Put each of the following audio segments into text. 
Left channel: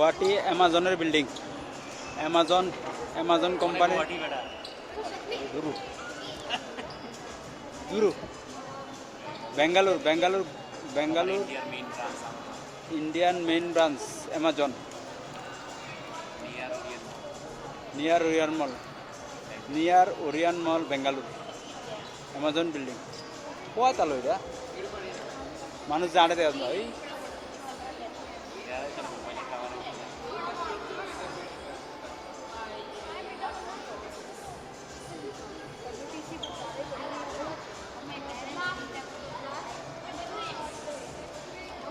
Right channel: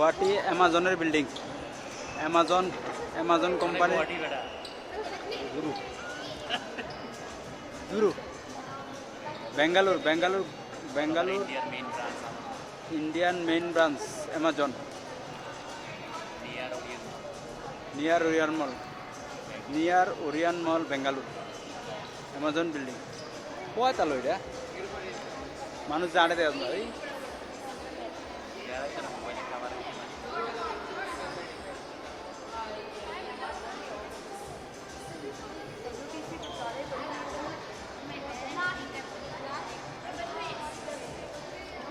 গুৱাহাটী এমাজনের building Amazon company জুরু Bengaluru Indian main branch Amazon near Orion mall Bengaluru Amazon building কোয়া তালো এটা মানুষ জানে দেয় না ওই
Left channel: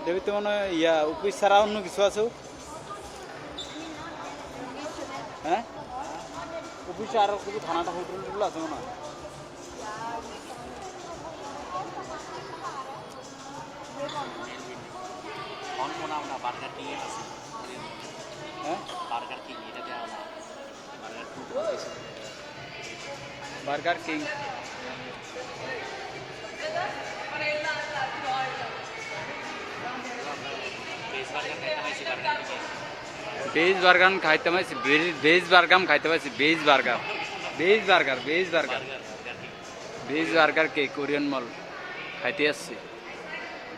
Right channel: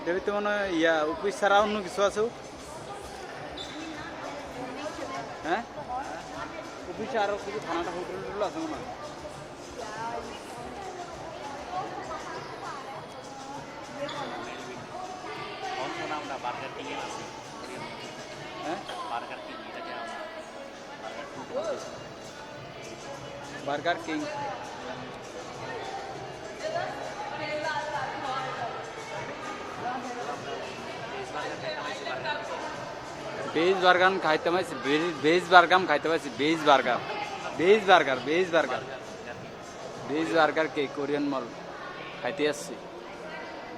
দেবী তো মনে ইয়া অফিস ছাড়া অন্য কিছু আছে হ্যাঁ অফিসে আরো কিছু থানাটা হোটেল আছে মনে হয় বার্গার কিং বেজ বার্গার খাইতে পাইছি বেজ বার্গার কে কোরিয়ান মল খাইতে আসছি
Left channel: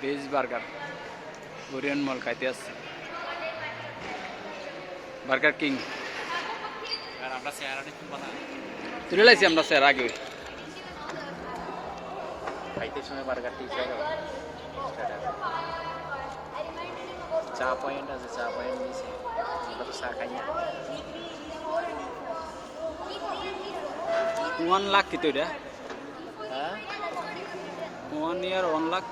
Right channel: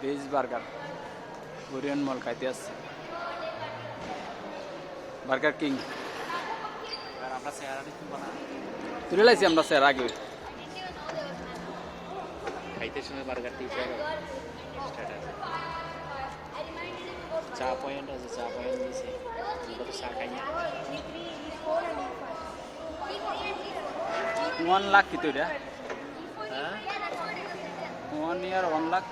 বেজ বার্গার কোরিয়ান মল খাইতে আসছি বার্গার কিং তুলে লাইছি আমরা স্যার আগে খাইতে সময় বার্গার ঠিক চা পয়েন্ট আছে চা পয়েন্ট দিয়েছে আমরা তো চা খাই না 1 লাখ কিন্তু এটা হ্যাঁ 1 year 1 লাখ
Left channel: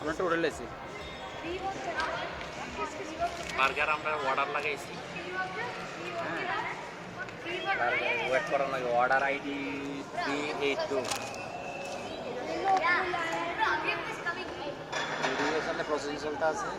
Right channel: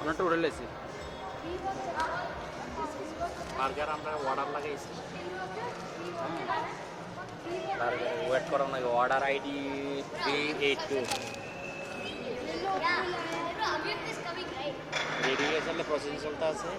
আমরা তো উড়ে লেছি বার্গার আমরা অর্ডার লাগাইছি হ্যাঁ বার্গার ওয়েট করা লাগে অর্ডার আইডি 382 ভেরিফিকেশনে প্রসেসিং চলতে আছে